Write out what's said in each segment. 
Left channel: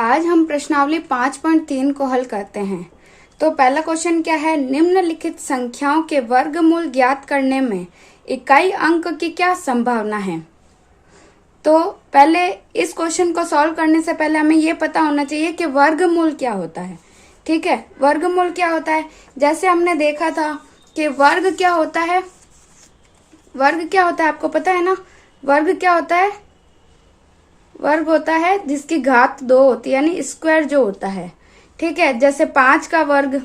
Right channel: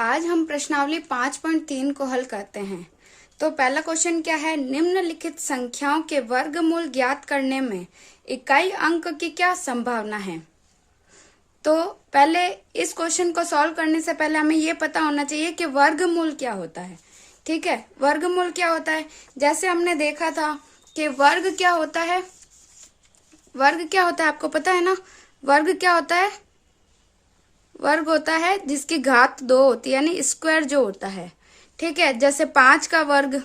आज हम प्रश्नावली 5.3 को हल करते हैं। तो पहला क्वेश्चन क्या है, निम्नलिखित संख्याओं के वर्गमूल ज्ञात करने में इकाई अंक की क्या संभावना है। तो पहले इस क्वेश्चन को सॉल्व करने से पहले हमें ये पता होना चाहिए कि वर्गमूल क्या होता है। ठीक है, वर्गमूल क्या होता है, जैसे हमने देखा था कि वर्ग क्या होता है। वर्ग क्या होता है आपको पता है ना, वर्ग क्या होता है, वर्ग होता है जिसकी घात 2 होती है, यानी स्क्वायर जो होता है। ठीक है, जैसे 5 का वर्ग,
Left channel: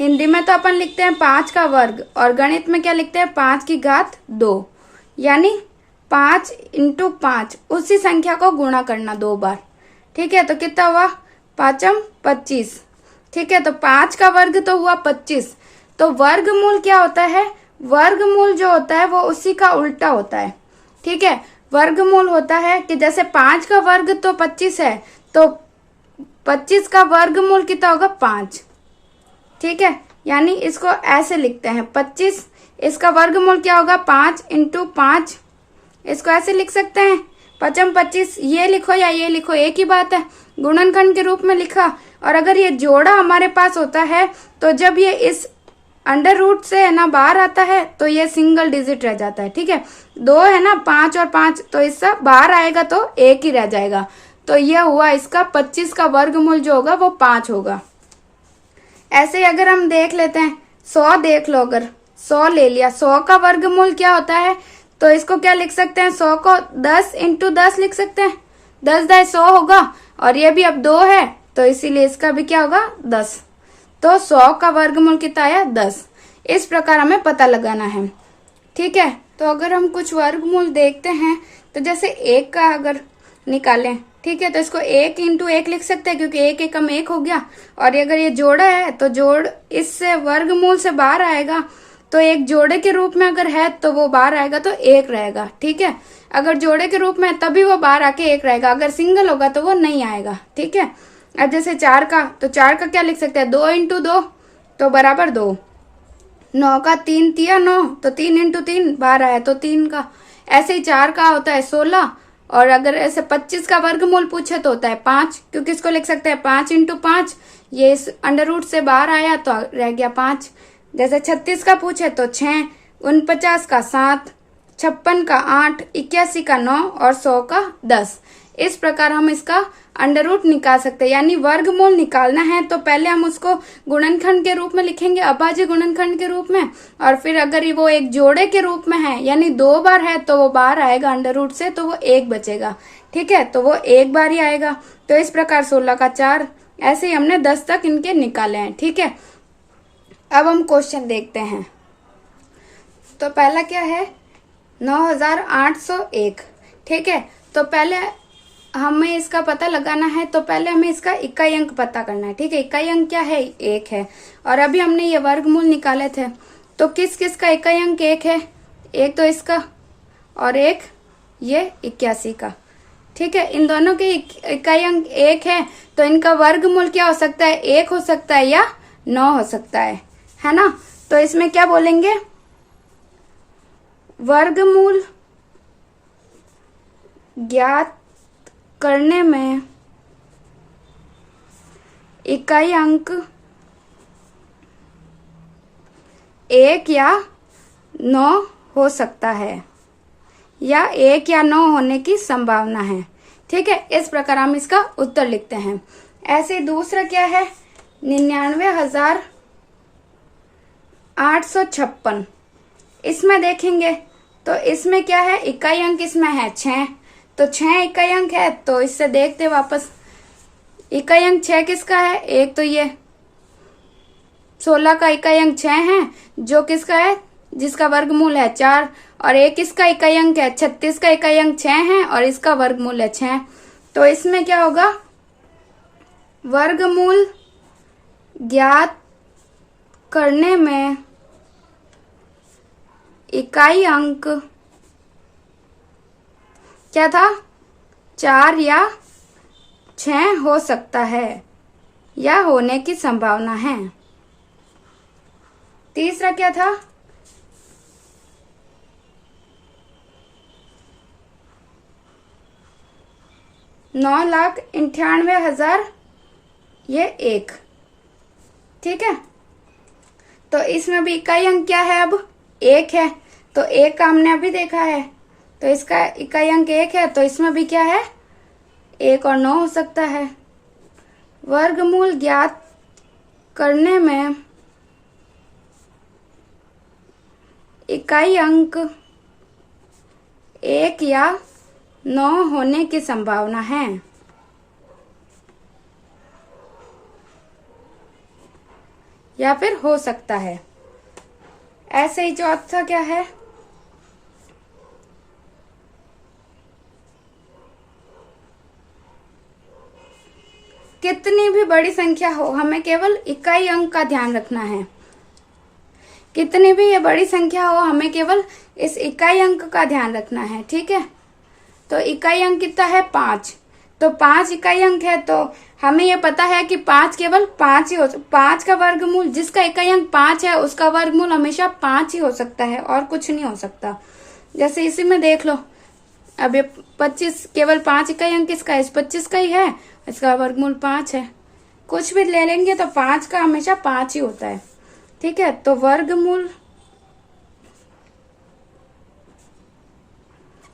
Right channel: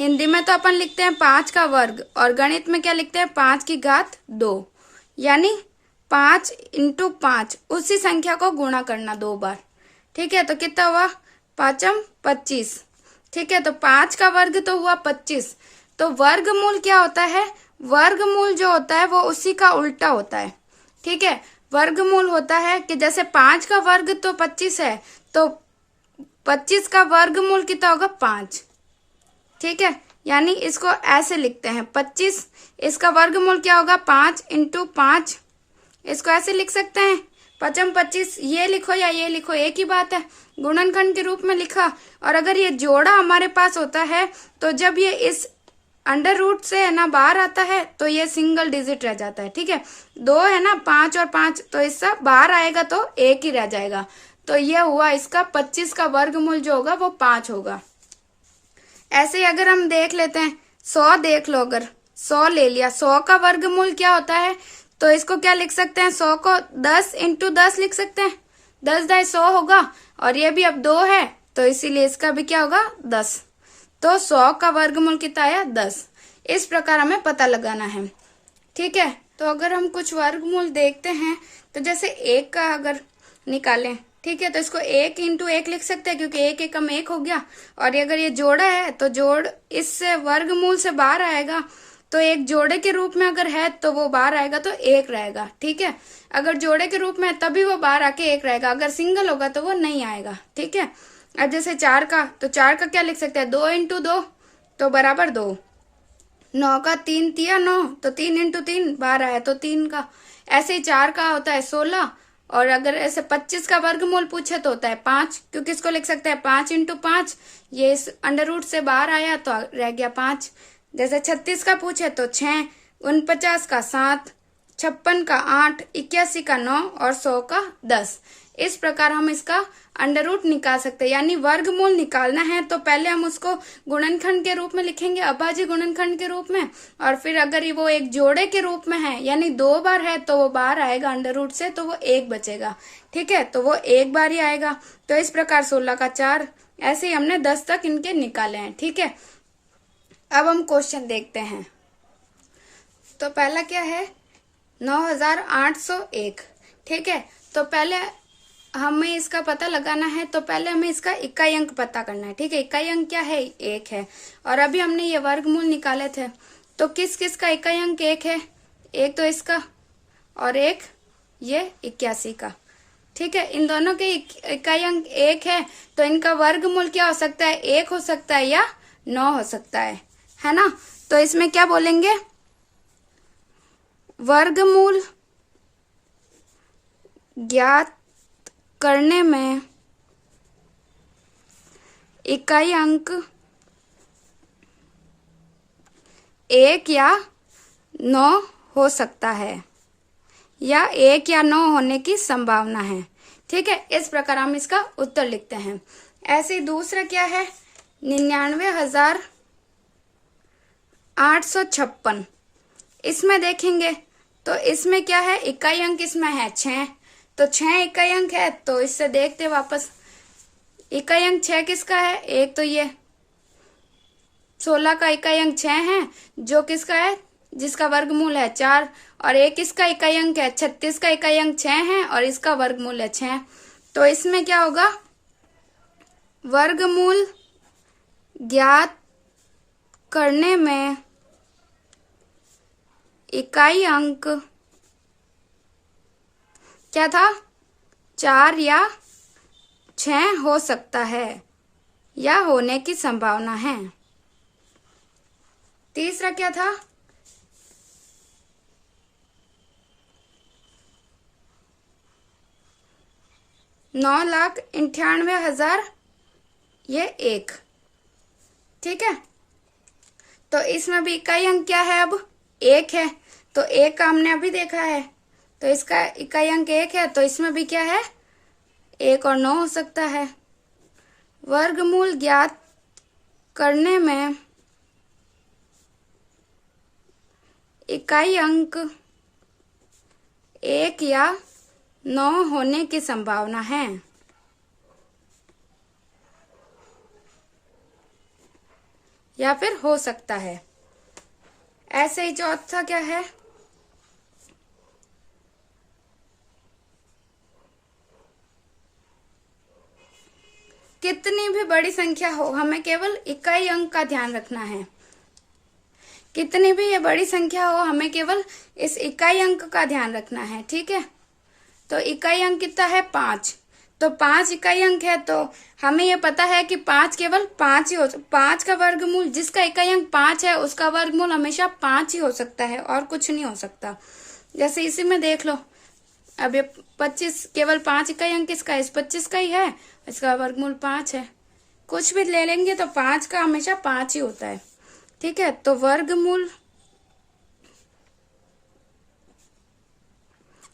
हिंदी में तो अपन लिखते हैं 5 का वर्ग, और गणित में क्या लिखते हैं 5 की घात 2, यानी 5 इंटू 5, उसी संख्या को गुणा करना 2 बार। ठीक है, तो कितना हुआ, 5 25। ठीक है, तो 5 का वर्ग तो हुआ 25। तो वर्गमूल क्या होता है, वर्गमूल जो होता है वो उसी का उल्टा होता है। ठीक है, वर्गमूल होता है कि जैसे 5 का वर्ग तो 25 है, तो 25 का वर्गमूल कितना होगा 5। ठीक है, यानी इसको ऐसे लिखते हैं 25, इसका वर्गमूल क्या होगा 5 इंटू 5। इसको ऐसे लिख सकते हैं 5 25, ये लिखो या ये लिखो एक ही बात है, गुणनखंड के रूप में लिखा। और अगर ये जोड़ा हमारे पास होता है तो जब ये इस अंडर रूट से है ना बाहर आता है तो ये सिंगल डिजिट रह जाता है। ठीक है, 2 है ना, 5 और 5, तो इससे बाहर आएगा तो 1 ही रह जाएगा। तो ये हुआ इसका 25 का वर्गमूल जो होगा वो 5 होगा। ऐसे ही अगर हम देख लेते हैं 100, देख लो, अगर 100 ले लिया, 100 का वर्गमूल क्या होता है, तो इसको क्या लिख सकते हैं, 100 को 10 इंटू 10 लिख सकते हैं, 10 दाई 100 होगा, और ये भी अब 2 है तो इसीलिए इसका भी क्या होगा 10। तो 100 का वर्गमूल कितना आया 10। इस प्रकार हमें पता लगाना है। ठीक है, तो अगर हम कुछ वर्गमूल देखते हैं तो जैसे 1 का अगर निकालें, ठीक है, तो इसको 1 इंटू 1 लिख सकते हैं क्योंकि 1 एकम 1 हो गया। और अगर ये जोड़ा है तो जोड़ इससे वर्गमूल से बाहर आएगा, तो एक जोड़े के रूप में अगर है तो वो बाहर आएगा तो 1 रहेगा। ठीक है, अगर जोड़े के रूप में है तभी वो बाहर आके 1 रहेगा, अगर सिंगल होगा तो वो नहीं आएगा। ठीक है, अब जैसे 4 का, तो 4 का क्या लिख सकते हैं, 2 इंटू 2 तो बराबर 2। 9 का 3 तिया 9, तो 3 इंटू 3 बाहर आया तो 3 का। ऐसे ही 4 का होता है 16, और अगर ऐसे 25 का वर्गमूल पूछे तो होता है 5, क्योंकि इसको लिख सकते हैं 5 इंटू 5, ये इस अंडर रूट से बाहर आया तो रह गया 5। जैसे 36 का पूछे तो 6, 49 का 7, 56 का 8, 81 का 9 और 100 का 10। इस प्रकार हम इसका अंडर रूट निकाल सकते हैं। यानी वर्गमूल निकालना है तो पहले हम उसको गुणनखंड के रूप में लिखेंगे, अभाज्य गुणनखंड के रूप में, और फिर अगर वो एक जोड़े के रूप में है यानी 2 बार है तो वो बाहर आएगा अंडर रूट से, तो वो 1 बचेगा। ठीक है, तो वो 1 बार ही आएगा। तो इस प्रकार 16 का 4, ऐसे ही हमने 10 तक इनके निकाले हैं। ठीक है, अब हम क्वेश्चन देखते हैं। तो पहला क्या है, 9801। ठीक है, तो पहले हमें इसका पता लगाना है, तो पहले हमें इसका इकाई अंक पता करना है। ठीक है, इकाई अंक क्या है, 1 है, और अभी हमने ये वर्गमूल निकाले थे, तो किस किस का इकाई अंक 1 है, एक तो इसका और एक ये 81 का। ठीक है, इन दोनों के इकाई अंक 1 है, तो इनका वर्गमूल क्या हो सकता है, 1 हो सकता है या 9 हो सकता है ना। तो इसमें क्या बोलेंगे, वर्गमूल ज्ञात करने में इकाई अंक 1 या 9 हो सकता है, या 1 या 9 होने की संभावना है। ठीक है, इस प्रकार हम इसका उत्तर लिखते हैं। ऐसे दूसरा क्या है, 99,856। इसमें देखेंगे तो इसमें क्या है, इकाई अंक इसमें है 6, तो 6 इकाई अंक है, तो इससे देखते वापस इकाई अंक 6 किसका है, एक तो ये 16 का इकाई अंक 6 है, जो किसका है, जिसका वर्गमूल है 4, और एक इसका इकाई अंक है 36 का इकाई अंक 6 है, और इसका वर्गमूल है 6। तो इसमें क्या होगा, वर्गमूल ज्ञात करने में इकाई अंक क्या था, 4 या 6 हो सकता है, या होने की संभावना है। तीसरा क्या था, 9,98,000 ये 1। ठीक है, तो इसमें भी इकाई अंक क्या है? अब 1 है, तो 1 का हमने अभी देखा है, तो इसका इकाई अंक 1 है, तो इसमें भी क्या है? 1 और 9 हो सकता है। वर्गमूल ज्ञात करने में इकाई अंक 1 या 9 होने की संभावना है। या फिर हो सकता है। ऐसे ही चौथा क्या है? कितनी भी बड़ी संख्या हो, हमें केवल इकाई अंक का ध्यान रखना है। कितनी भी ये बड़ी संख्या हो, हमें केवल इस इकाई अंक का ध्यान रखना है। ठीक है, तो इकाई अंक कितना है? 5। तो 5 इकाई अंक है, तो हमें ये पता है कि 5 केवल 5 ही हो, 5 का वर्गमूल, जिसका इकाई अंक 5 है उसका वर्गमूल हमेशा 5 ही हो सकता है और कुछ नहीं हो सकता। जैसे इसी में देख लो, अब ये 25 केवल 5 इकाई अंक किसका है? इस 25 का ही है, इसका वर्गमूल 5 है। कुछ भी ले लेंगे तो 5 का हमेशा 5 ही होता है। ठीक है, तो वर्गमूल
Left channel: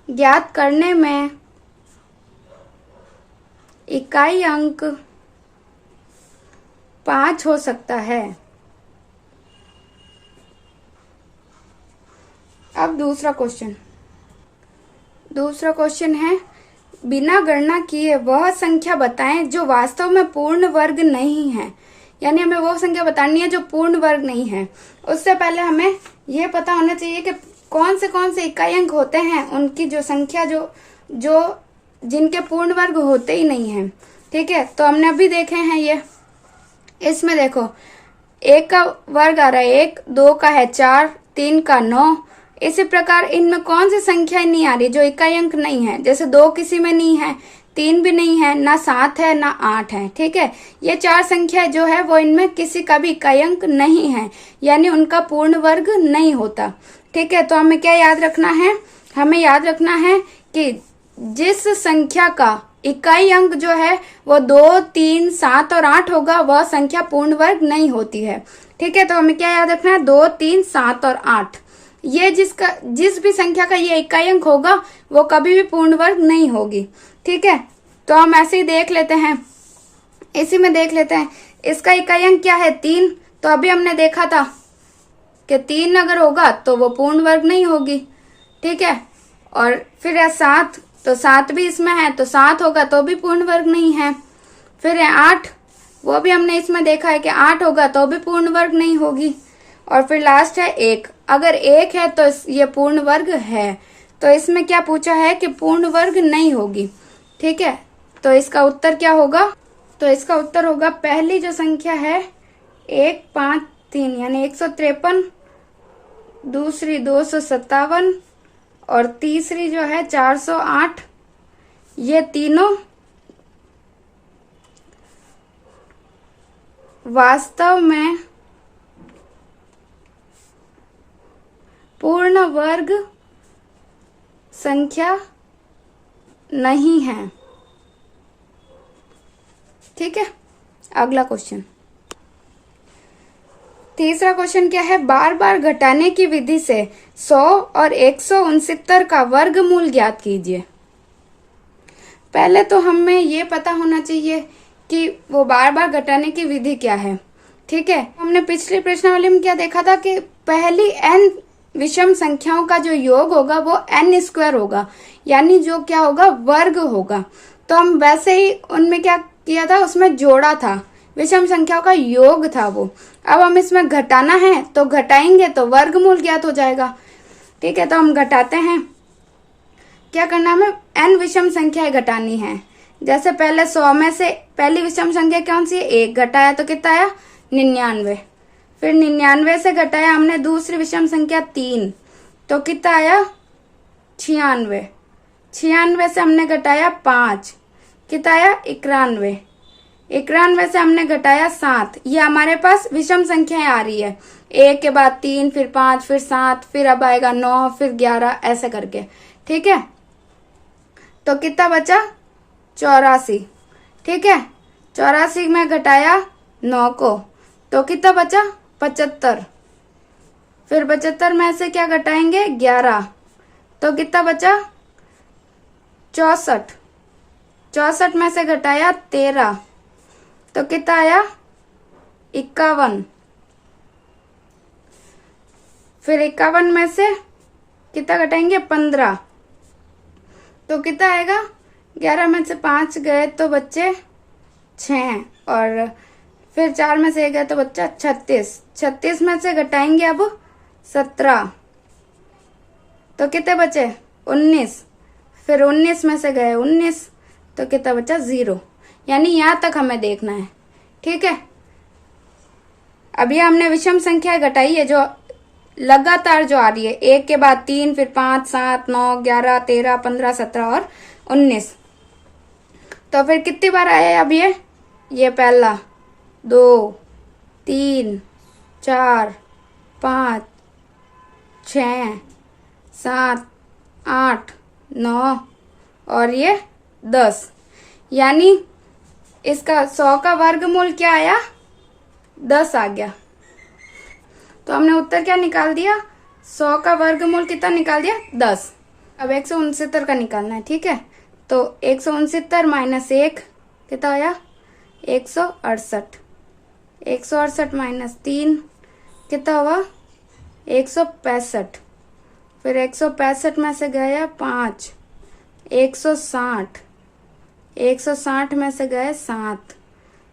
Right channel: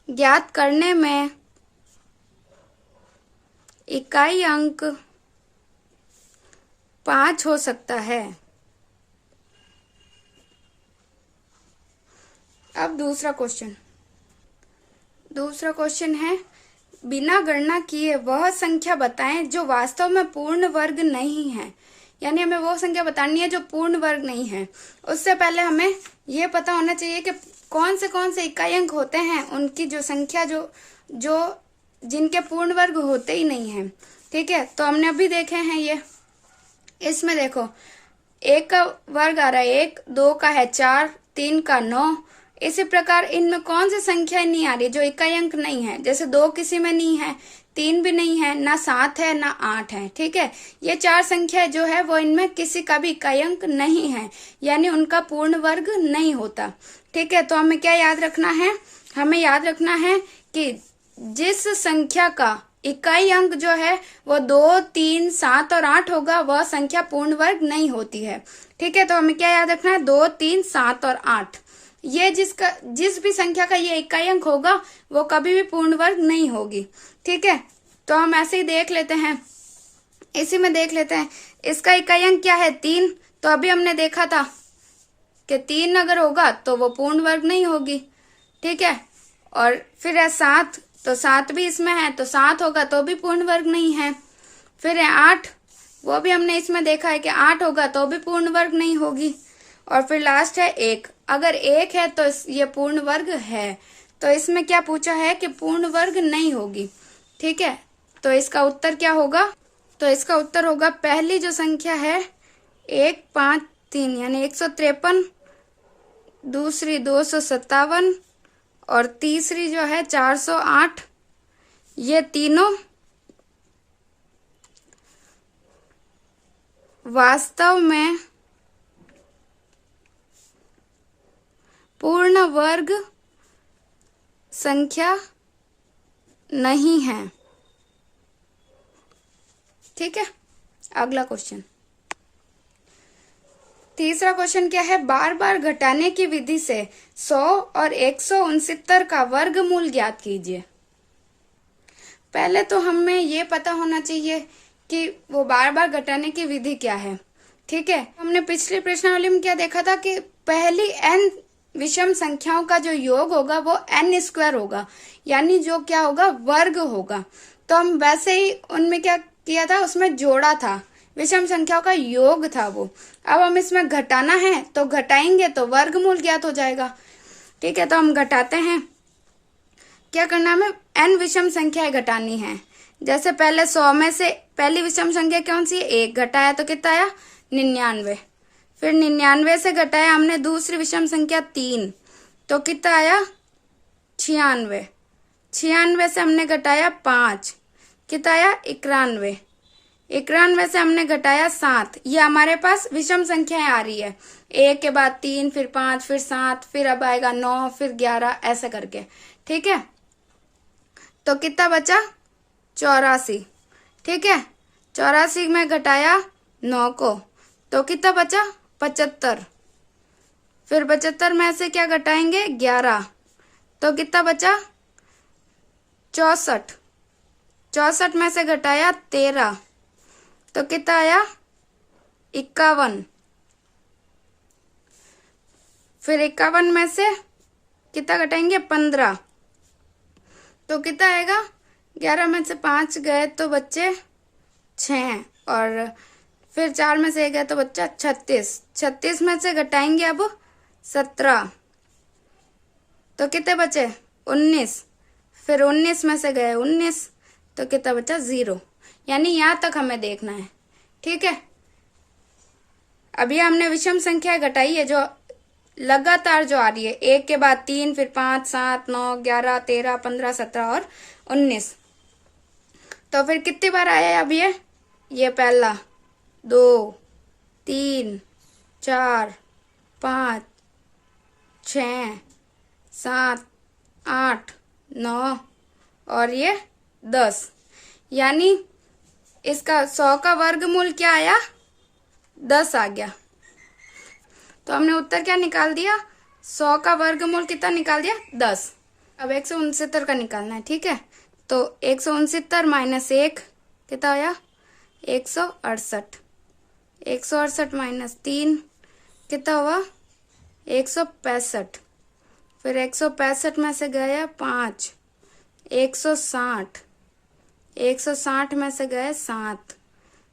ज्ञात करने में इकाई अंक 5 हो सकता है। अब दूसरा क्वेश्चन है, बिना गणना किए वह संख्या बताएं जो वास्तव में पूर्ण वर्ग नहीं है। यानी हमें वो संख्या बतानी है जो पूर्ण वर्ग नहीं है। उससे पहले हमें ये पता होना चाहिए कि कौन से इकाई अंक होते हैं, उनकी जो संख्या जो जिनके पूर्ण वर्ग होते ही नहीं है। ठीक है, तो हमने अभी देखे हैं ये। इसमें देखो, 1 का वर्ग आ रहा है 1, 2 का है 4, 3 का 9। इसी प्रकार इनमें कौन सी संख्या नहीं आ रही जो इकाई अंक नहीं है? जैसे 2 किसी में नहीं है, 3 भी नहीं है, ना 7 है, ना 8 है। ठीक है, ये 4 संख्या जो है वो इनमें किसी का भी इकाई अंक नहीं है, यानी उनका पूर्ण वर्ग नहीं होता। ठीक है, तो हमें क्या याद रखना है? हमें याद रखना है कि जिस संख्या का इकाई अंक जो है वो 2, 3, 7 और 8 होगा, वह संख्या पूर्ण वर्ग नहीं होती है। ठीक है, तो हमें क्या याद रखना है? 2, 3, 7 और 8, ये जिस भी संख्या का ये इकाई अंक होगा वो कभी भी पूर्ण वर्ग नहीं होगी। ठीक है, तो हम ऐसे ही देख लेते हैं, इसी में देख लेते हैं। इसका इकाई अंक क्या है? 3। तो अभी हमने देखा था कि 3 अगर होगा तो वो पूर्ण वर्ग नहीं होगी। ठीक है, और फिर है 7, तो 7 भी इसमें है, तो 7 होगा तो भी पूर्ण वर्ग नहीं है। फिर है 8, वो भी हमने इसमें देखा है कि 8 होगा तो भी पूर्ण वर्ग नहीं होगी। और फिर लास्ट है 1, अगर 1 है तो ये पूर्ण वर्ग है। तो इसमें क्या पूछा है कि पूर्ण वर्ग नहीं होगी। ठीक है, तो इसका उत्तर क्या होगा? तो इसका उत्तर होगा पहली जो संख्या है 153 यानी 153, दूसरी 257 और तीसरी जो है 408। ये तीनों वास्तव में पूर्ण वर्ग संख्या नहीं है। ठीक है, अगला क्वेश्चन, तीसरा क्वेश्चन क्या है? बार बार घटाने की विधि से 100 और 169 का वर्गमूल ज्ञात कीजिए। पहले तो हमें ये पता होना चाहिए कि वो बार बार घटाने की विधि क्या है। ठीक है, हमने पिछले प्रश्नावली में क्या देखा था कि पहली n विषम संख्याओं का जो योग होगा वो n² होगा, यानी जो क्या होगा? वर्ग होगा। तो हम वैसे ही उनमें क्या किया था? उसमें जोड़ा था, विषम संख्याओं का योग था वो। अब हम इसमें घटाना है तो घटाएंगे तो वर्गमूल ज्ञात हो जाएगा। ठीक है, तो हम घटाते हैं। क्या करना है? हमें n विषम संख्याएं घटानी है। जैसे पहले 100 में से पहली विषम संख्या कौन सी है? 1 घटाया तो कितना आया? 99। फिर 99 से घटाया हमने दूसरी विषम संख्या 3, तो कितना आया? 96। 96 से हमने घटाया 5, कितना आया? 91। 91 से हमने घटाया 7। ये हमारे पास विषम संख्याएं आ रही है, 1 के बाद 3, फिर 5, फिर 7, फिर अब आएगा 9, फिर 11, ऐसे करके। ठीक है, तो कितना बचा? 84। ठीक है, 84 में घटाया 9 को तो कितना बचा 75। फिर 75 में से क्या घटाएंगे 11 तो कितना बचा 64। 64 में से घटाया 13 तो कितना आया 51। फिर 51 में से कितना घटाएंगे 15 तो कितना आएगा 11 में से 5 गए तो बच्चे 6 और फिर 4 में से 1 गया तो बच्चा 36। 36 में से घटाएंगे अब 17 तो कितने बचे 19। फिर 19 में से गए 19 तो कितना बचा 0। यानी यहां तक हमें देखना है। ठीक है, अभी हमने विषम संख्या घटाई है जो लगातार जो आ रही है, 1 के बाद 3, फिर 5, 7, 9, 11, 13, 15, 17 और 19। तो फिर कितनी बार आया अब ये पहला 2, 3, 4, 5, 6, 7, 8, 9 और ये 10। यानी इसका 100 का वर्गमूल क्या आया 10 आ गया। तो हमने उत्तर क्या निकाल दिया 100 का वर्गमूल कितना निकाल दिया 10। अब 169 का निकालना है। ठीक है, तो 169 माइनस 1 कितना आया 168। 168 माइनस 3 कितना हुआ 165। फिर 165 में से गया 5, 160। 160 में से गए 7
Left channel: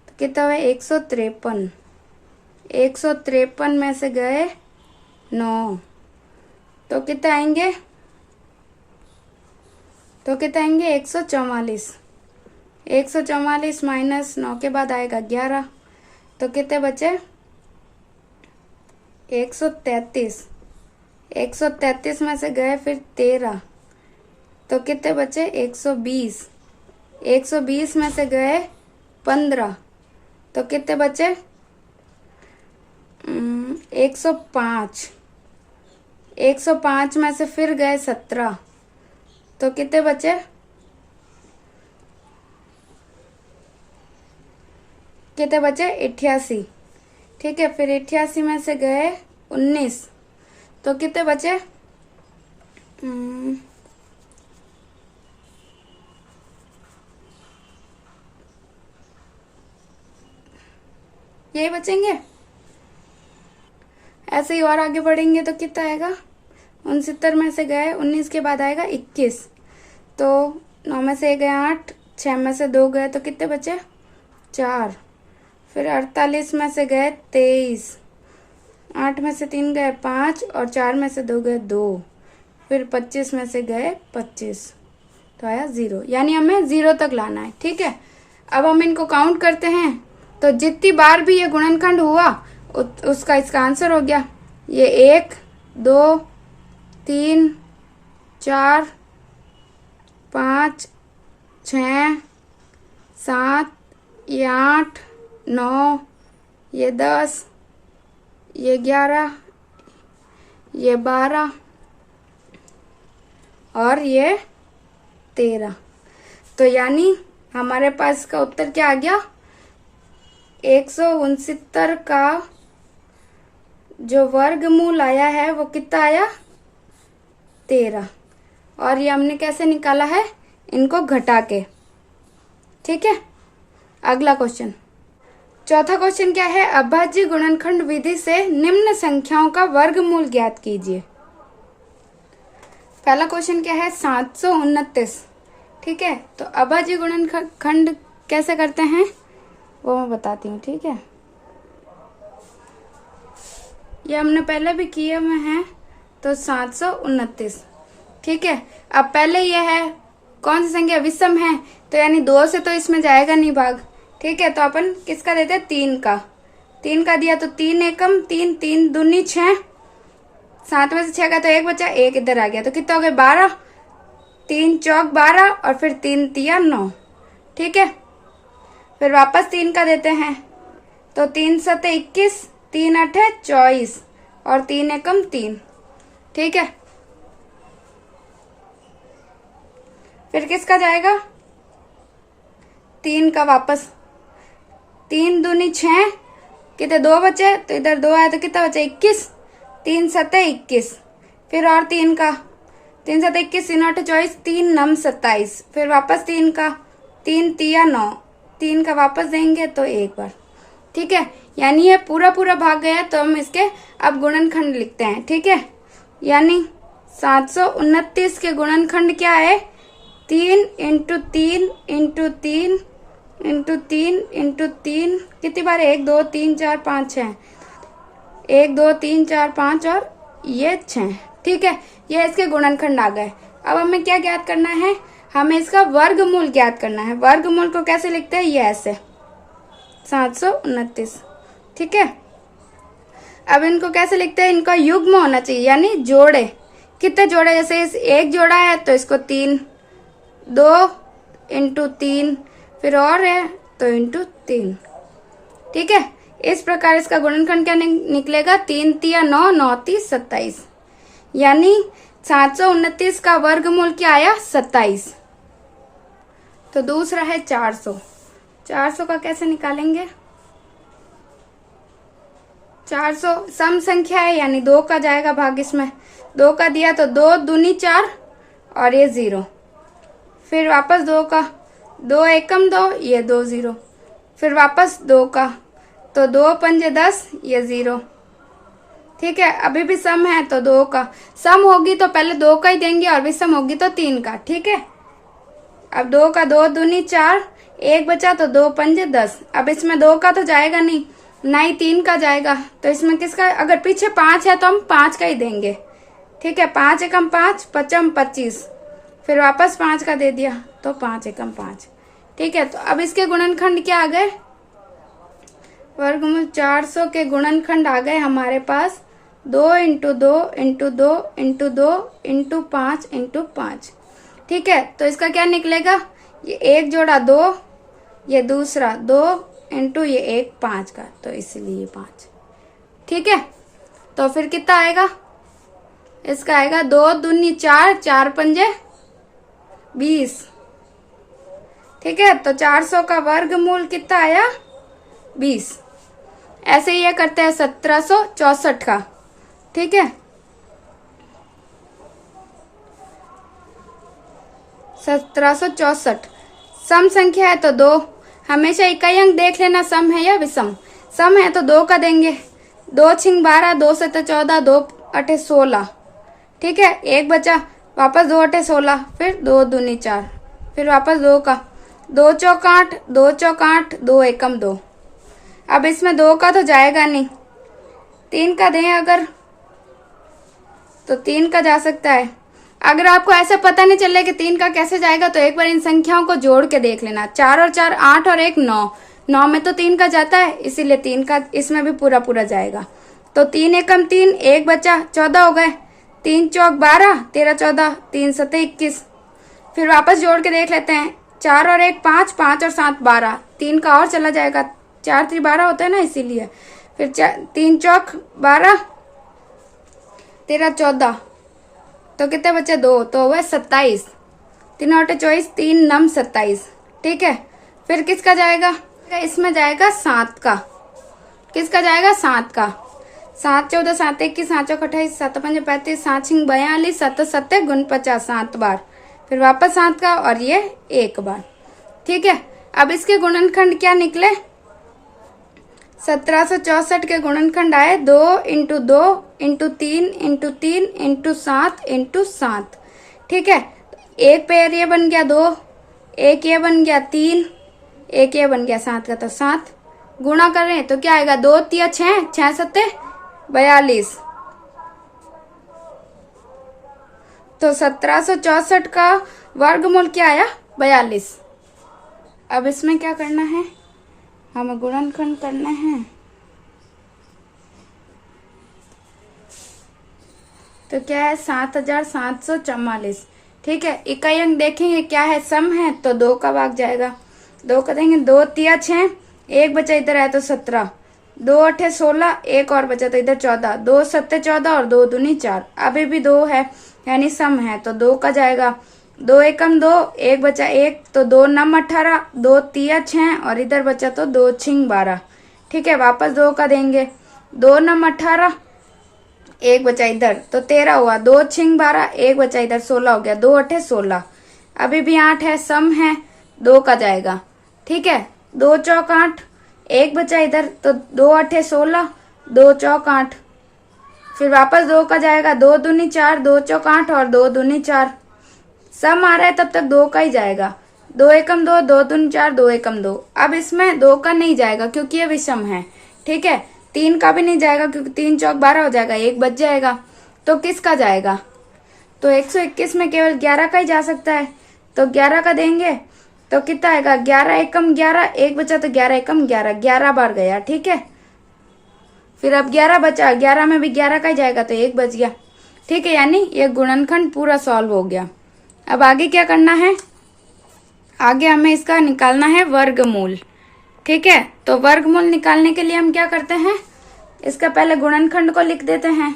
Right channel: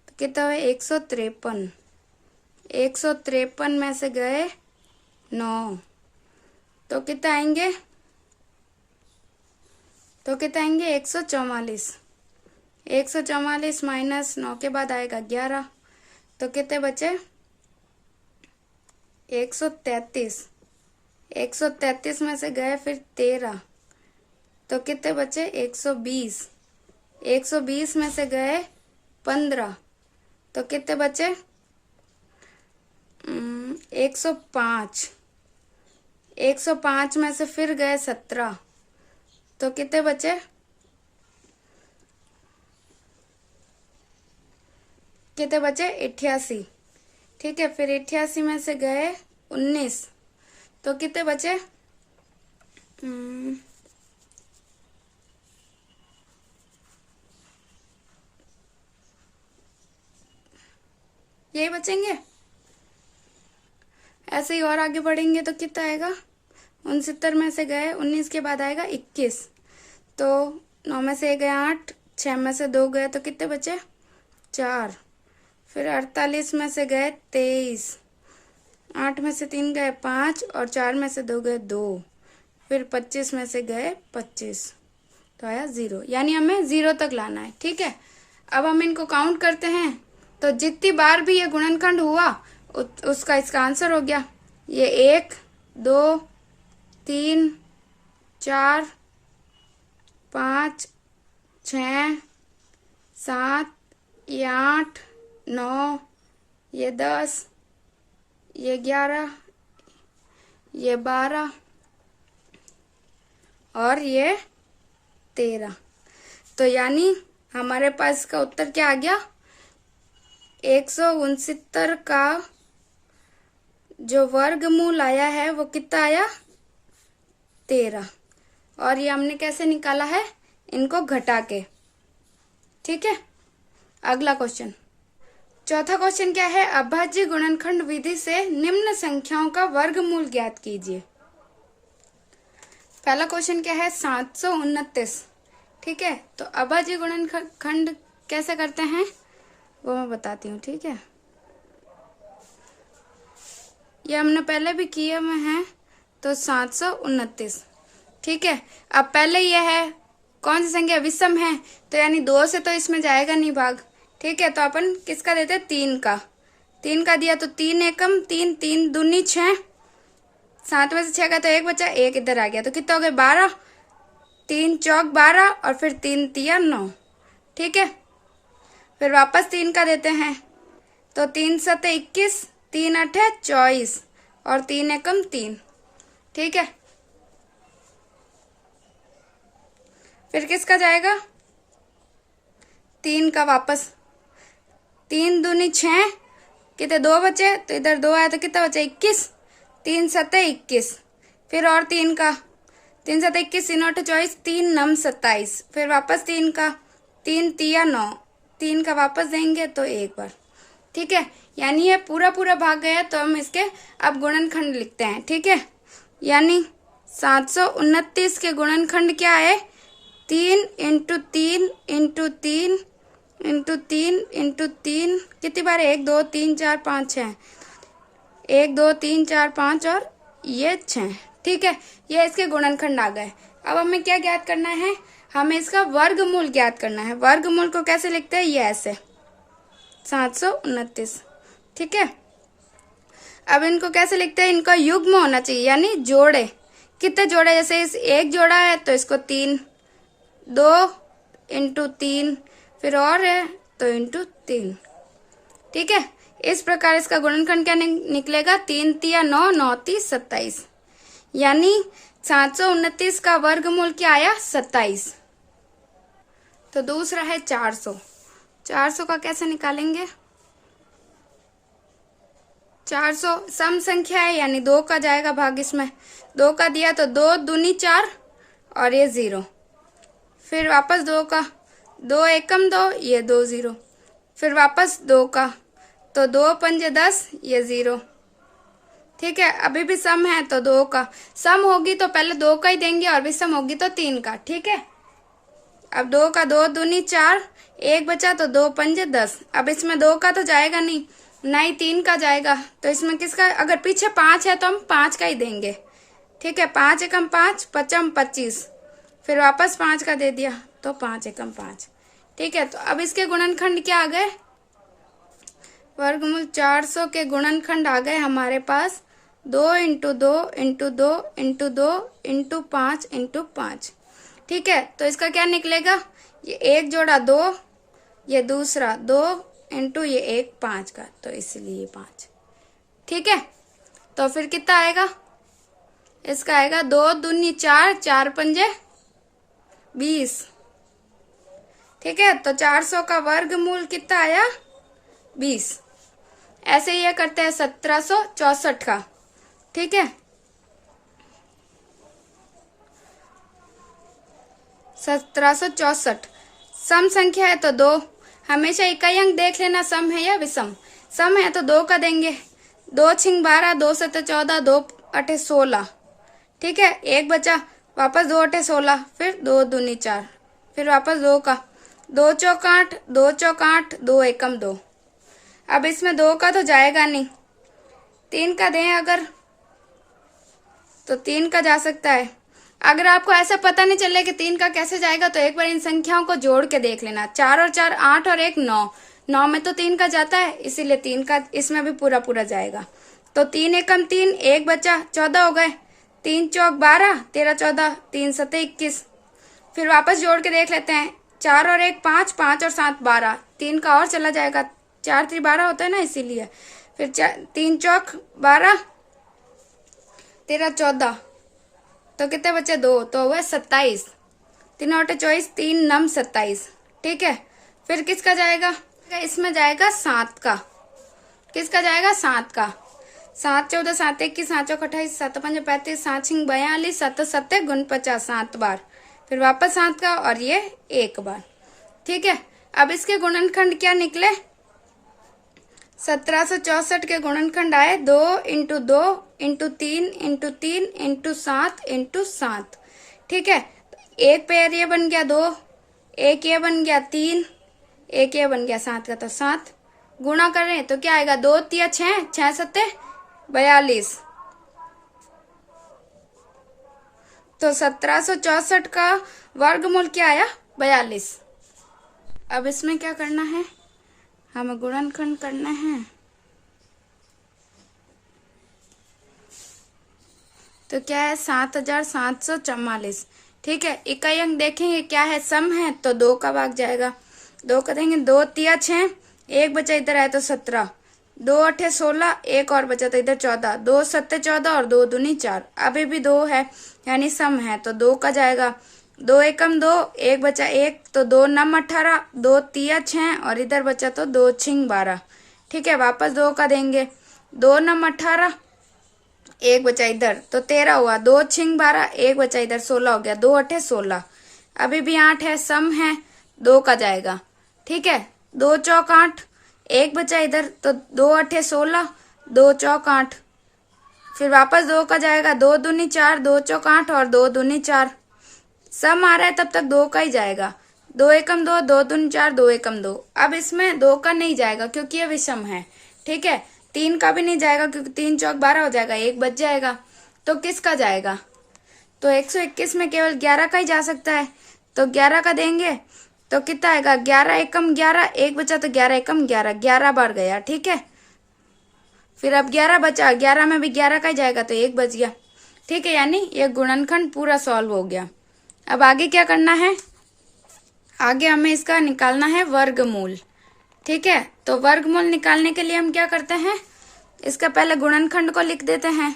तो कितना हुआ 153। 153 में से गए 9 तो कितने आएंगे 144। 144 माइनस 9 के बाद आएगा 11 तो कितने बचे 133। 133 में से गए फिर 13 तो कितने बचे 120। 120 में से गए 15 तो कितने बचे 105। 105 में से फिर गए 17 तो कितने बचे 88। ठीक है, फिर 88 में से गए 19 तो कितने बचे ये बचेंगे। ऐसे ही और आगे बढ़ेंगे तो कितना आएगा 69 में से गए 19 के बाद आएगा 21 तो 9 में से गए 8, 6 में से 2 गए तो कितने बचे 4। फिर 48 में से गए 23, 8 में से 3 गए 5 और 4 में से 2 गए 2। फिर 25 में से गए 25 तो आया 0। यानी हमें 0 तक लाना है। ठीक है, अब हम इनको काउंट करते हैं तो जितनी बार भी ये गुणनखंड हुआ उसका इसका आंसर हो गया। ये 1, 2, 3, 4, 5, 6, 7, ये 8, 9, ये 10, ये 11, ये 12 और ये 13। तो यानी हमारे पास इसका उत्तर क्या आ गया 169 का जो वर्गमूल आया है वो कितना आया 13। और ये हमने कैसे निकाला है इनको घटा के। ठीक है, अगला क्वेश्चन, चौथा क्वेश्चन क्या है अभाज्य गुणनखंड विधि से निम्न संख्याओं का वर्गमूल ज्ञात कीजिए। पहला क्वेश्चन क्या है 729। ठीक है, तो अभाज्य गुणनखंड कैसे करते हैं वो मैं बताती हूँ। ठीक है, ये हमने पहले भी किए हुए हैं तो 729। ठीक है, अब पहले ये है कौन सी संख्या विषम है तो यानी 2 से तो इसमें जाएगा नहीं भाग। ठीक है, तो अपन किसका देते हैं 3 का। 3 का दिया तो 3 एकम 3, 3 दूनी 6, 7 में से 6 का तो 1 बचा, 1 इधर आ गया तो कितना हो गया 12, 3 चौक 12 और फिर 3 तिया 9। ठीक है, फिर वापस 3 का देते हैं तो 3 7 21, 3 8 24 और 3 एकम 3। ठीक है, फिर किसका जाएगा 3 का वापस 3 दूनी 6, कितने 2 बचे, तो इधर 2 आया तो कितना बचे 21, 3 सत्ते 21, फिर और 3 का 3 सत्ते 21, 3 8 24, 3 9 27, फिर वापस 3 का 3 तिया 9, 3 का वापस देंगे तो एक बार। ठीक है, यानी ये पूरा पूरा भाग गया तो हम इसके अब गुणनखंड लिखते हैं। ठीक है, यानी 729 के गुणनखंड क्या है, 3 इंटू 3 इंटू 3 इंटू 3 इंटू 3, कितनी बार 1 2 3 4 5 6, 1 2 3 4 5 और ये 6। ठीक है, ये इसके गुणनखंड आ गए। अब हमें क्या ज्ञात करना है, हमें इसका वर्गमूल ज्ञात करना है। वर्गमूल को कैसे लिखते हैं, ये ऐसे 729। ठीक है, अब इनको कैसे लिखते हैं, इनका युग्म होना चाहिए, यानी जोड़े। कितने जोड़े, जैसे इस एक जोड़ा है तो इसको 3, 2 इंटू 3, फिर और है तो इंटू 3। ठीक है, इस प्रकार इसका गुणनखंड क्या निकलेगा, 3 तिया 9, 9 30 27, यानी 729 का वर्गमूल क्या आया, 27। तो दूसरा है 400। 400 का कैसे निकालेंगे, 400 सम संख्या है, यानी 2 का जाएगा भाग, इसमें 2 का दिया तो 2 दूनी 4 और ये 0, फिर वापस 2 का 2 एकम 2, ये 2 0, फिर वापस 2 का तो 2 पंजे 10, ये 0। ठीक है, अभी भी सम है तो 2 का सम होगी तो पहले 2 का ही देंगे और विषम होगी तो 3 का। ठीक है, अब 2 का 2 दूनी 4, 1 बचा तो 2 पंजे 10। अब इसमें 2 का तो जाएगा नहीं, ना ही 3 का जाएगा, तो इसमें किसका, अगर पीछे 5 है तो हम 5 का ही देंगे। ठीक है, 5 एकम 5, पचम 25, फिर वापस 5 का दे दिया तो 5 एकम 5। ठीक है, तो अब इसके गुणनखंड क्या आ गए, वर्गमूल 400 के गुणनखंड आ गए हमारे पास 2 into 2 into 2 into 2 into 5 into 5। ठीक है, तो इसका क्या निकलेगा, ये एक जोड़ा 2, ये दूसरा 2 इंटू ये एक 5 का, तो इसलिए 5। ठीक है, तो फिर कितना आएगा, इसका आएगा 2 दूनी 4, 4 पंजे 20। ठीक है, तो 400 का वर्गमूल कितना आया, 20। ऐसे ही ये करते हैं 1764 का। ठीक है, 1764 सम संख्या है तो 2, हमेशा इकाई अंक देख लेना सम है या विषम। सम है तो 2 का देंगे, 2 छिंग 12, 2 सत्ते 14, 2 अठे 16। ठीक है, एक बचा, वापस 2 अठे 16, फिर 2 दूनी 4, फिर वापस 2 का 2 चौक 8, 2 चौक 8, 2 एकम 2। अब इसमें 2 का तो जाएगा नहीं, 3 का दें अगर तो 3 का जा सकता है। अगर आपको ऐसा पता नहीं चले कि 3 का कैसे जाएगा तो एक बार इन संख्याओं को जोड़ के देख लेना। 4 और 4 8 और 1 9, 9 में तो 3 का जाता है, इसीलिए 3 का इसमें भी पूरा पूरा जाएगा। तो 3 एकम 3, 1 बचा, 14 हो गए, 3 चौक 12, 13 14, 3 सत्ते 21। फिर वापस जोड़ के देख लेते हैं, 4 और 1 5, 5 और 7 12, 3 का और चला जाएगा, 4 3 12 होता है ना, इसीलिए। फिर 3 चौक 12, 13 14, तो कितने बचे 2, तो वह 27, 3 8 24, 3 9 27। ठीक है, फिर किसका जाएगा, इसमें जाएगा 7 का। किसका जाएगा, 7 का। 7 14 7 21, 7 चौक 28, 7 5 35, 7 6 42, 7 7 गुण 50, 7 बार, फिर वापस 7 का और ये 1 बार। ठीक है, अब इसके गुणनखंड क्या निकले, 1764 के गुणनखंड आए 2 into 2 into 3 into 3 into 7 into 7। ठीक है, एक पेयर ये बन गया 2, एक ये बन गया 3, एक ये बन गया 7 का, तो 7 गुणा कर रहे हैं तो क्या आएगा, 2 तिया 6, 6 सत्ते 42। तो 1764 का वर्गमूल क्या आया, 42। अब इसमें क्या करना है, हमें गुणनखंड करना है। तो क्या है, 7744। ठीक है, इकाई अंक देखेंगे क्या है, सम है तो 2 का भाग जाएगा, 2 का देंगे, 2 तिया 6, 1 बचा इधर है तो 17, 2 अठे 16, 1 और बचा तो इधर 14, 2 सत्ते 14 और 2 दूनी 4। अभी भी 2 है यानी सम है तो 2 का जाएगा, दो एकम दो, एक बचा एक, तो दो नम 18, दो तिया 6 और इधर बचा तो दो छिंग 12। ठीक है, वापस दो का देंगे, दो नम 18, एक बचा इधर तो 13 हुआ, दो छिंग 12, एक बचा इधर 16 हो गया, दो अठे 16। अभी भी 8 है, सम है, दो का जाएगा। ठीक है, दो चौक 8, एक बचा इधर तो दो अठे 16, दो चौक 8, फिर वापस दो का जाएगा, दो दूनी 4, दो चौक 8 और दो दूनी 4। सम आ रहा है तब तक दो का ही जाएगा, दो एकम दो, दो दूनी 4, दो एकम दो। अब इसमें दो का नहीं जाएगा क्योंकि ये विषम है। ठीक है, तीन का भी नहीं जाएगा क्योंकि तीन चौक 12 हो जाएगा, एक बच जाएगा। तो किसका जाएगा? तो 121 में केवल 11 का ही जा सकता है, तो 11 का देंगे तो कितना आएगा? 11 एकम 11, एक बचा तो 11 एकम 11, 11 बार गया। ठीक है, फिर अब 11 बचा, 11 में भी 11 का ही जाएगा तो एक बच गया। ठीक है, यानी ये गुणनखंड पूरा सॉल्व हो गया। अब आगे क्या करना है? आगे हमें इसका निकालना है वर्गमूल। ठीक है, तो वर्गमूल निकालने के लिए हम क्या करते हैं? इसका पहले गुणनखंड को लिख देते हैं।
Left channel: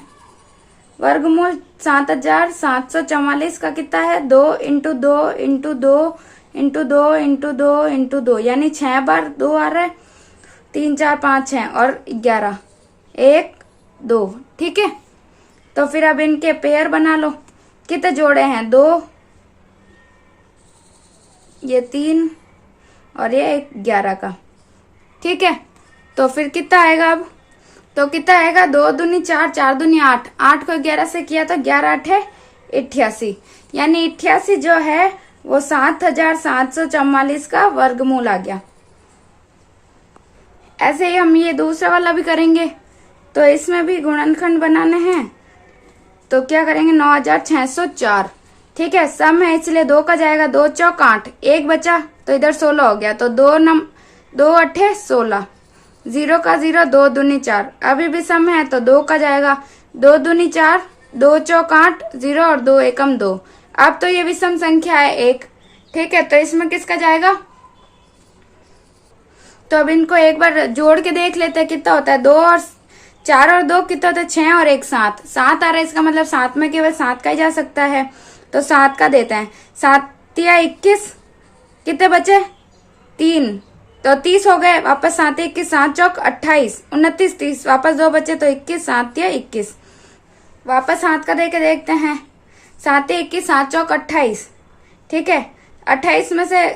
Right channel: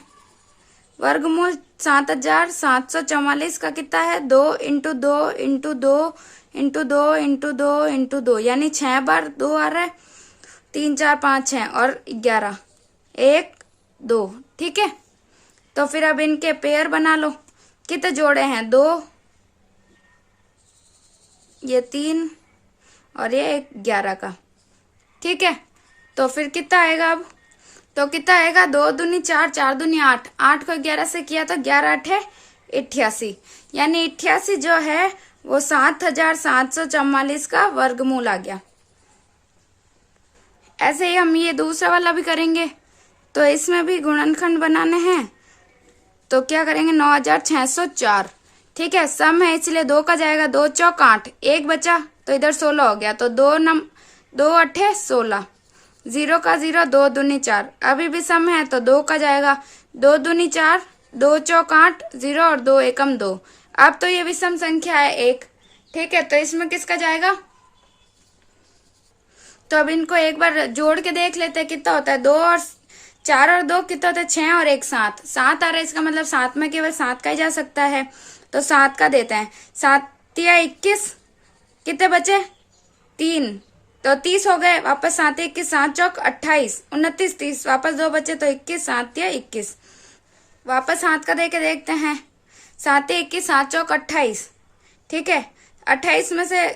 वर्गमूल 7744 का कितना है? 2 into 2 into 2 into 2 into 2 into 2, यानी 6 बार 2 आ रहा है, 3 4 5 6 और 11, 1 2। ठीक है, तो फिर अब इनके पेयर बना लो। कितने जोड़े हैं? 2, ये 3 और ये 11 का। ठीक है, तो फिर कितना आएगा अब? तो कितना आएगा? 2 दूनी 4, 4 दूनी 8, 8 को 11 से किया तो 11 8 88, यानी 88 जो है वो 7744 का वर्गमूल आ गया। ऐसे ही हम ये दूसरा वाला भी करेंगे, तो इसमें भी गुणनखंड बनाने हैं। तो क्या करेंगे? 9604। ठीक है, सम है इसलिए दो का जाएगा, दो चौक 8, एक बचा तो इधर 16 हो गया, तो दो अठे 16, 0 का 0, दो दूनी 4। अभी भी सम है तो दो का जाएगा, दो दूनी 4, दो चौक 8, 0 और दो एकम 2। अब तो ये विषम संख्या है एक। ठीक है, तो इसमें किसका जाएगा? तो अब इनको एक बार जोड़ के देख लेते हैं कितना होता है। 2 और 4 और 2 कितना होता है? 6 और 1 7, 7 आ रहा है, इसका मतलब 7 में केवल 7 का ही जा सकता है, तो 7 का देते हैं। 7 या 21, कितने बचे? 3, तो 30 हो गए। वापस 7 21, 7 चौक 28, 29 30, वापस 2 बचे तो 21, 7 या 21। वापस 7 का दे के देखते हैं। 7 21, 7 चौक 28। ठीक है, 28 में से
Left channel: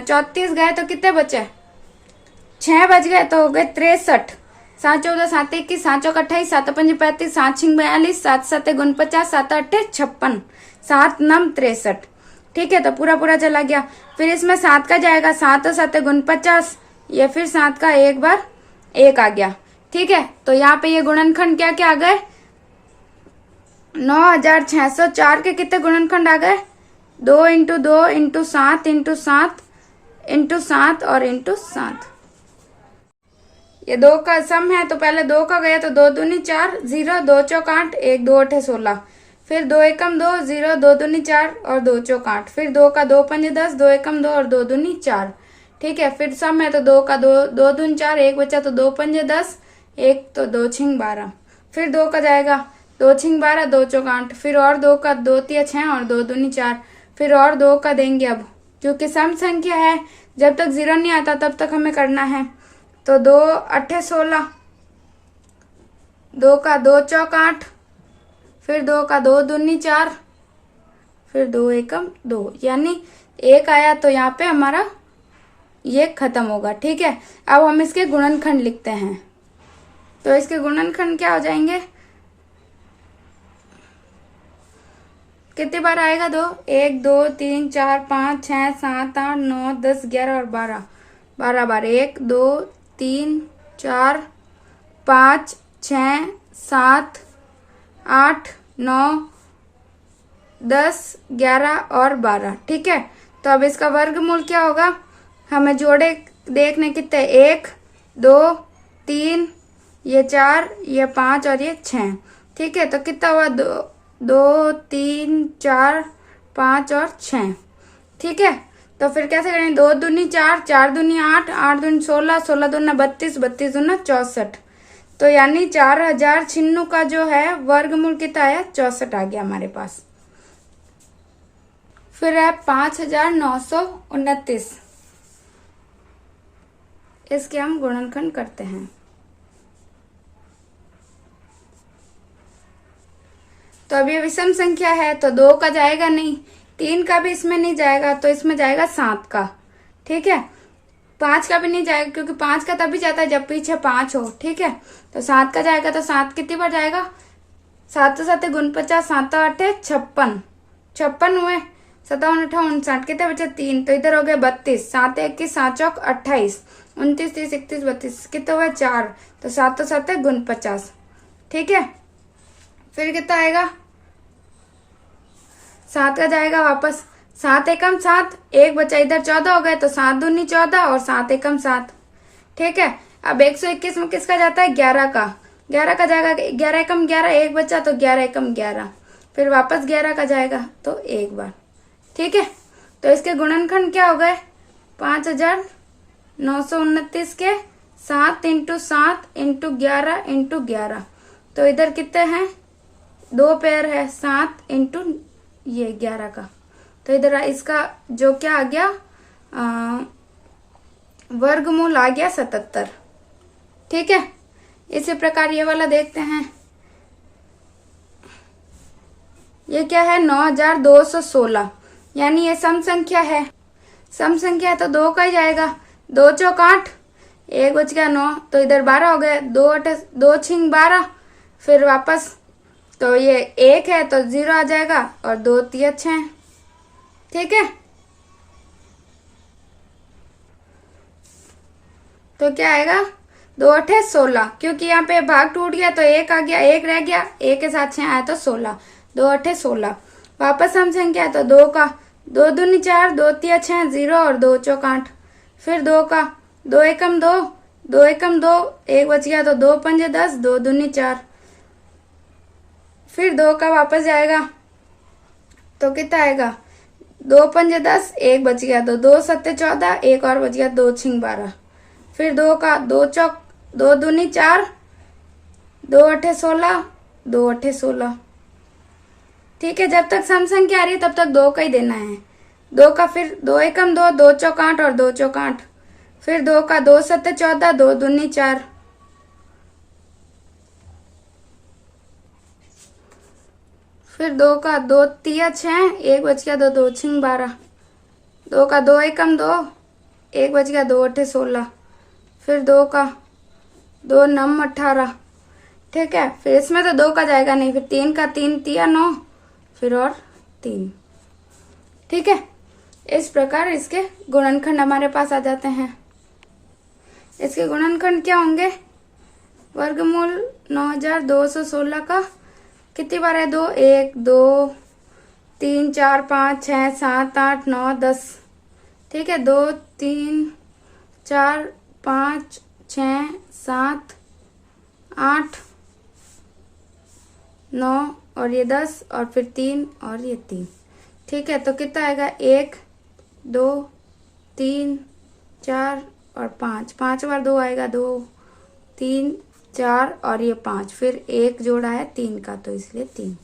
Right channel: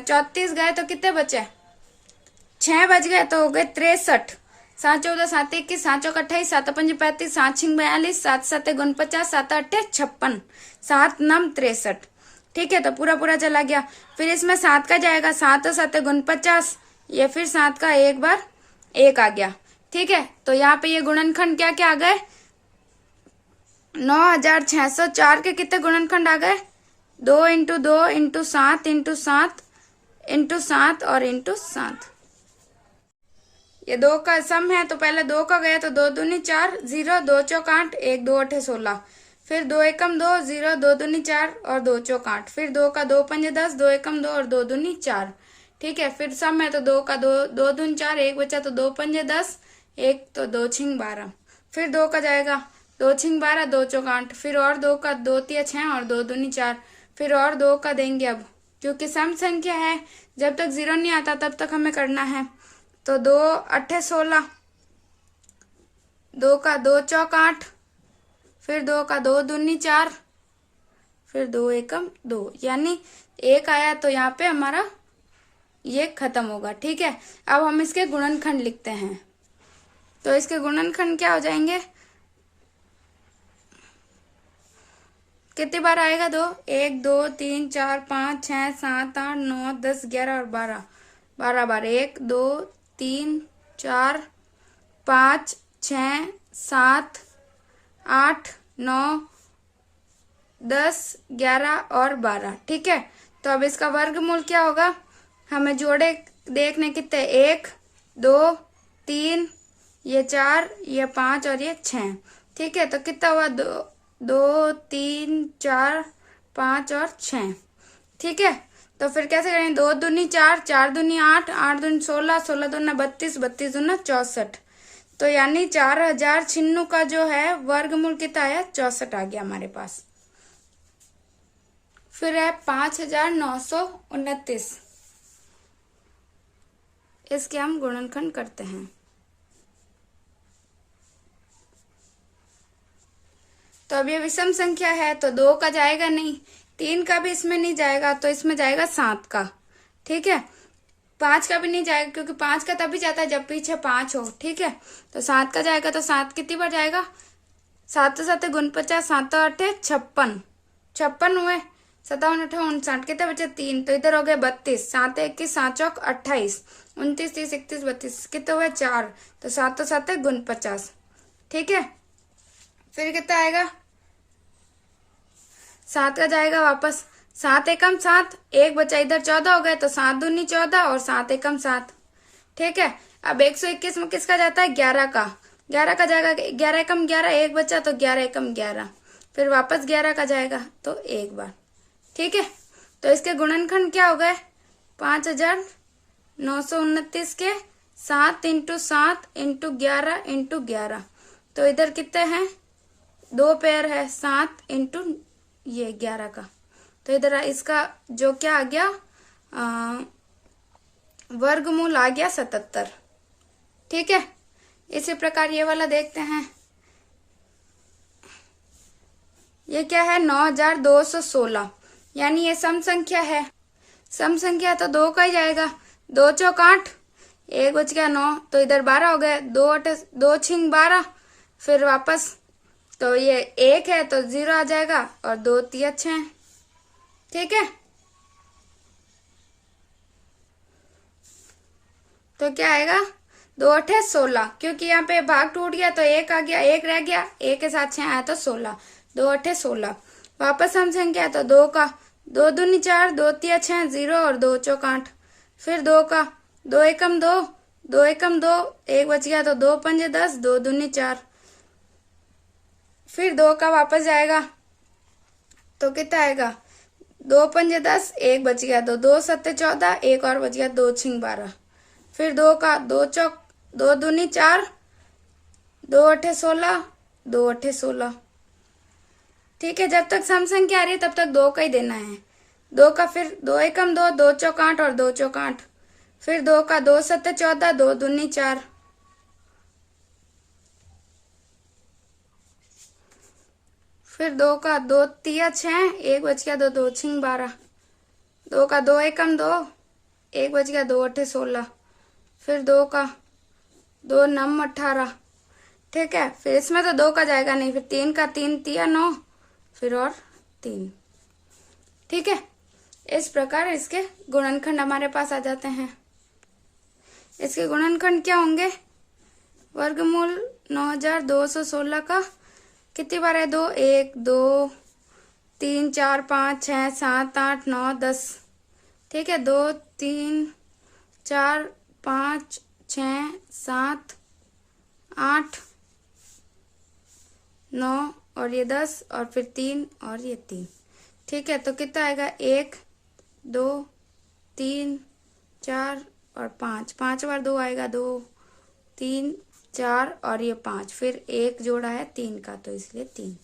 34 गए तो कितने बचे? 6 बच गए तो हो गए 63। 7 14, 7 21, 7 चौक 28, 7 5 35, 7 6 42, 7 7 49, 7 8 56, 7 9 63। ठीक है, तो पूरा पूरा चला गया। फिर इसमें 7 का जाएगा, 7 7 49, ये फिर 7 का एक बार 1 आ गया। ठीक है, तो यहाँ पे ये गुणनखंड क्या क्या आ गए? 9604 के कितने गुणनखंड आ गए? 2 इंटू 2 इंटू 7 इंटू 7 इंटू 7 और इंटू 7। ये 2 का सम है तो पहले 2 का गया तो 2 दूनी 4, 0, 2 चौक 8, 1 2 8 16, फिर 2 एकम 2, 0, 2 दूनी 4 और 2 चौक 8, फिर 2 का 2 5 10, 2 एकम 2 और 2 दूनी 4। ठीक है, फिर सम है तो 2 का 2 दूनी 4, 1 बचा तो 2 5 10, 1 तो 2 छिंग 12, फिर 2 का जाएगा, 2 छिंग 12, 2 चौक 8, फिर और 2 का 2 तिया 6 और 2 दूनी 4, फिर और 2 का देंगे। अब क्योंकि सम संख्या है, जब तक 0 नहीं आता तब तक हमें करना है। तो 2 8 16, 2 का 2 चौक 8, फिर 2 का 2 दूनी 4, फिर 2 एकम 2, यानी 1 आया तो यहाँ पे हमारा ये खत्म होगा। ठीक है, अब हम इसके गुणनखंड लिखते हैं। तो इसके गुणनखंड क्या हो जाएंगे? कितनी बार आएगा? 2 1 2 3 4 5 6 7 8 9 10 11 और 12, 12 बार 1 2 3 4 5 6 7 8 9 10 11 और 12। ठीक है, तो अब इसका वर्गमूल क्या होगा? हमें जोड़े देखने कितने? 1 2 3, ये 4, ये 5 और ये 6। ठीक है, तो कितना हुआ? 2 3 4 5 और 6। ठीक है, तो फिर कैसे करेंगे? 2 दूनी 4, 4 दूनी 8, 8 दूनी 16, 16 दूना 32, 32 दूना 64। तो यानी 4096 का जो है वर्गमूल कितना है? 64 आ गया हमारे पास। फिर है 5929। इसके हम गुणनखंड करते हैं। तो अब ये विषम संख्या है तो 2 का जाएगा नहीं, 3 का भी इसमें नहीं जाएगा, तो इसमें जाएगा 7 का। ठीक है, 5 का भी नहीं जाएगा क्योंकि 5 का तभी जाता है जब पीछे 5 हो। ठीक है, तो 7 का जाएगा। तो 7 कितनी बार जाएगा? 7 7 49, 7 8 56, 56 हुए, 57 58 59, कितने बचे? 3, तो इधर हो गए 32, 7 21 7 चौक 28, 29 30 31 32, कितने हुए? 4, तो 7 7 49। ठीक है, फिर कितना आएगा? 7 का जाएगा वापस, 7 एकम 7, 1 बचा इधर, 14 हो गए, तो 7 दूनी 14 और 7 एकम 7। ठीक है, अब 121 में किसका जाता है? 11 का। 11 का जाएगा, 11 एकम 11, 1 बचा तो 11 एकम 11, फिर वापस 11 का जाएगा तो एक बार। ठीक है, तो इसके गुणनखंड क्या हो गए? 5929 के 7 × 7 × 11 × 11, तो इधर कितने हैं? 2 पेयर है, 7 × ये 11 का, तो इधर इसका जो क्या आ गया? वर्गमूल आ गया 77। ठीक है, इसी प्रकार ये वाला देखते हैं। ये क्या है? 9216, यानी ये सम संख्या है। सम संख्या है तो 2 का ही जाएगा। 2 चौक 8, 1 बच गया 9, तो इधर 12 हो गए, 2 8 2 6 12, फिर वापस, तो ये 1 है तो 0 आ जाएगा और 2 3 6। ठीक है, तो क्या आएगा? 2 8 16, क्योंकि यहाँ पे भाग टूट गया तो 1 आ गया, 1 रह गया, 1 के साथ 6 आया तो 16, 2 8 16। वापस हम संख्या तो 2 का, 2 दूनी 4, 2 3 6 0 और 2 चौक 8, फिर 2 का, 2 एकम 2, 2 एकम 2, 1 बच गया तो 2 पंजे 10, 2 दूनी 4, फिर 2 का वापस जाएगा तो कितना आएगा? 2 पंजे 10, 1 बच गया तो 2 7 14, 1 और बच गया, 2 6 12, फिर 2 का, 2 चौक 2 दूनी 4, 2 8 16, 2 8 16। ठीक है, जब तक सम संख्या आ रही है तब तक 2 का ही देना है। 2 का, फिर 2 एकम 2, 2 चौक 8 और 2 चौक 8, फिर 2 का, 2 7 14, 2 दूनी 4, फिर 2 का, 2 3 6, 1 बच गया तो 2 6 12, 2 का, 2 एकम 2, 1 बच गया, 2 8 16, फिर 2 का, 2 9 18। ठीक है, फिर इसमें तो 2 का जाएगा नहीं, फिर 3 का, 3 3 9, फिर और 3। ठीक है, इस प्रकार इसके गुणनखंड हमारे पास आ जाते हैं। इसके गुणनखंड क्या होंगे? वर्गमूल 9216 का कितनी बार है? 2 1 2 3 4 5 6 7 8 9 10। ठीक है, 2 3 4 5 6 7 8 9 और ये 10 और फिर 3 और ये 3। ठीक है, तो कितना आएगा? 1 2 3 4 और 5, 5 बार 2 आएगा, 2 3 4 और ये 5, फिर 1 जोड़ा है 3 का तो इसलिए 3।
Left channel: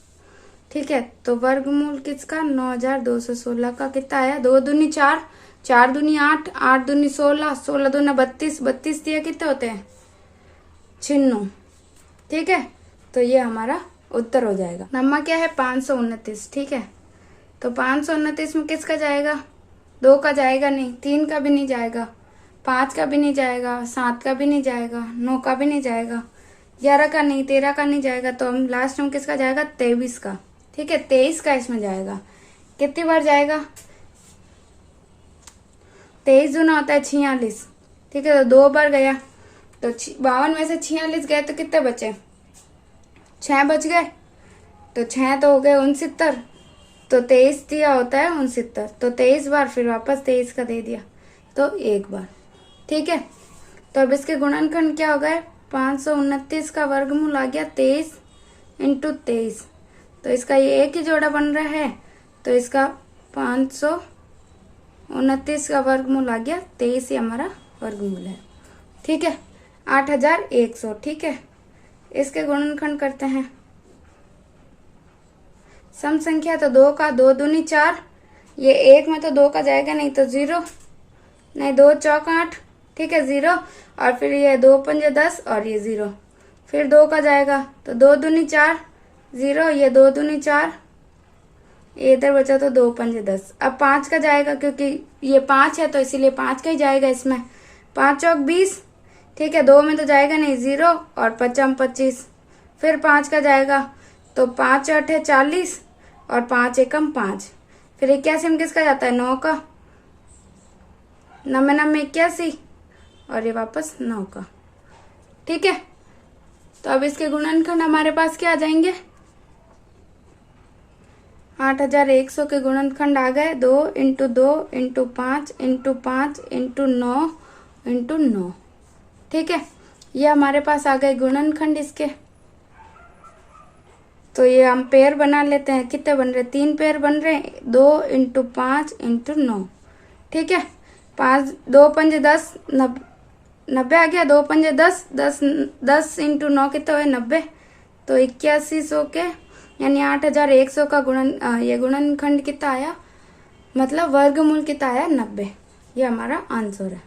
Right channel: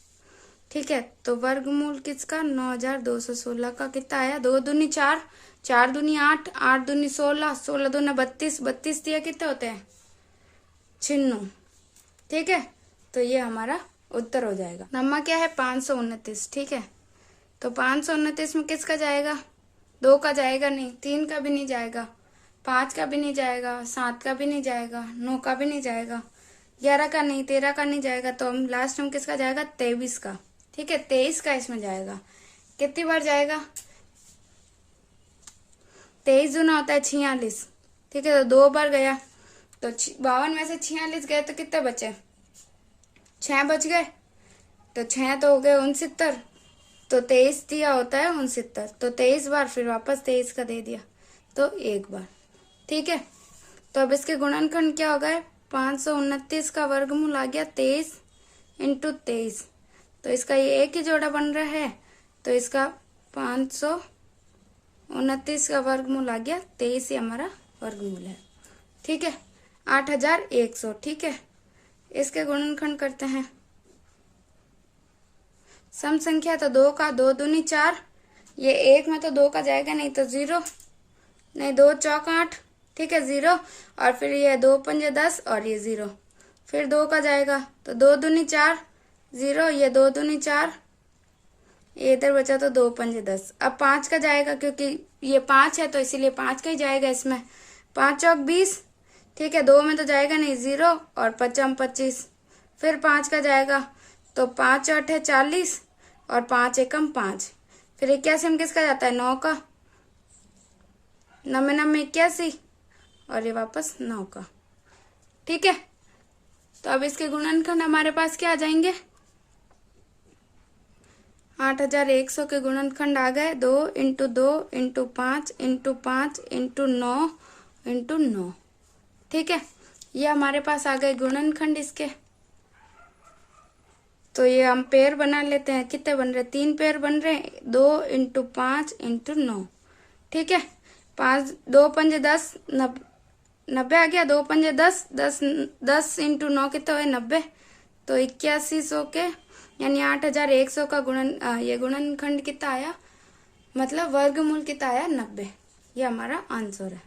ठीक है, तो वर्गमूल किसका? 9216 का कितना आया? 2 दूनी 4, 4 दूनी 8, 8 दूनी 16, 16 दूनी 32, 32 दिया कितने होते हैं? 96। ठीक है, तो ये हमारा उत्तर हो जाएगा। नंबर क्या है? 529। ठीक है, तो 529 में किसका जाएगा? 2 का जाएगा नहीं, 3 का भी नहीं जाएगा, 5 का भी नहीं जाएगा, 7 का भी नहीं जाएगा, 9 का भी नहीं जाएगा, 11 का नहीं, 13 का नहीं जाएगा, तो हम लास्ट में किसका जाएगा? 23 का। ठीक है, 23 का इसमें जाएगा। कितनी बार जाएगा? 23 दूना होता है 46। ठीक है, तो 2 बार गया, तो 52 में से 46 गए तो कितने बचे? 6 बच गए, तो 6 तो हो गए 69, तो 23 दिया होता है 69, तो 23 बार, फिर वापस 23 का दे दिया तो एक बार। ठीक है, तो अब इसके गुणनखंड क्या हो गए? 529 का वर्गमूल आ गया 23 × 23, तो इसका ये एक ही जोड़ा बन रहा है, तो इसका 529 का वर्गमूल आ गया 23 ही हमारा वर्गमूल है। ठीक है, 8100। ठीक है, इसके गुणनखंड करते हैं। सम संख्या तो 2 का, 2 दूनी 4, ये 1 में तो 2 का जाएगा नहीं तो 0, नहीं 2 चौक 8, ठीक है 0, और फिर ये 2 पंजे 10 और ये 0, फिर 2 का जाएगा तो 2 दूनी 4, 0, ये 2 दूनी 4, ये इधर बचा तो 2 पंजे 10। अब 5 का जाएगा क्योंकि ये 5 है तो इसीलिए 5 का ही जाएगा इसमें। 5 चौक 20, ठीक है 2 में तो जाएगा नहीं 0 और 5 25, फिर 5 का जाएगा तो 5 8 40 और 5 एकम 5, फिर 81 में किसका जाता है 9 का, 9 में 81 और ये वापस 9 का, ठीक है। तो अब इसके गुणनखंड हमारे पास क्या आ जाएंगे, 8100 के गुणनखंड आ गए 2 × 2 × 5 × 5 × 9 × 9, ठीक है। ये हमारे पास आ गए गुणनखंड इसके। तो ये हम पेयर बना लेते हैं, कितने बन रहे, 3 पेयर बन रहे हैं, 2 × 5 × 9, ठीक है। 5 2 पंजे 10, 90 आ गया, 2 पंजे 10, 10 × 9 कितने हुए 90, तो 8100 के यानी 8100 का ये गुणनखंड कितना आया, मतलब वर्गमूल कितना आया 90, ये हमारा आंसर है।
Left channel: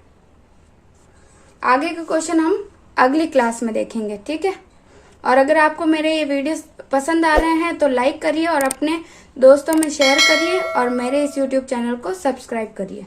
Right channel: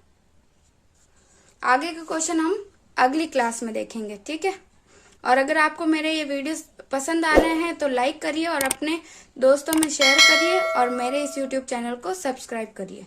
आगे का क्वेश्चन हम अगली क्लास में देखेंगे, ठीक है। और अगर आपको मेरे ये वीडियोस पसंद आ रहे हैं तो लाइक करिए और अपने दोस्तों में शेयर करिए और मेरे इस YouTube चैनल को सब्सक्राइब करिए।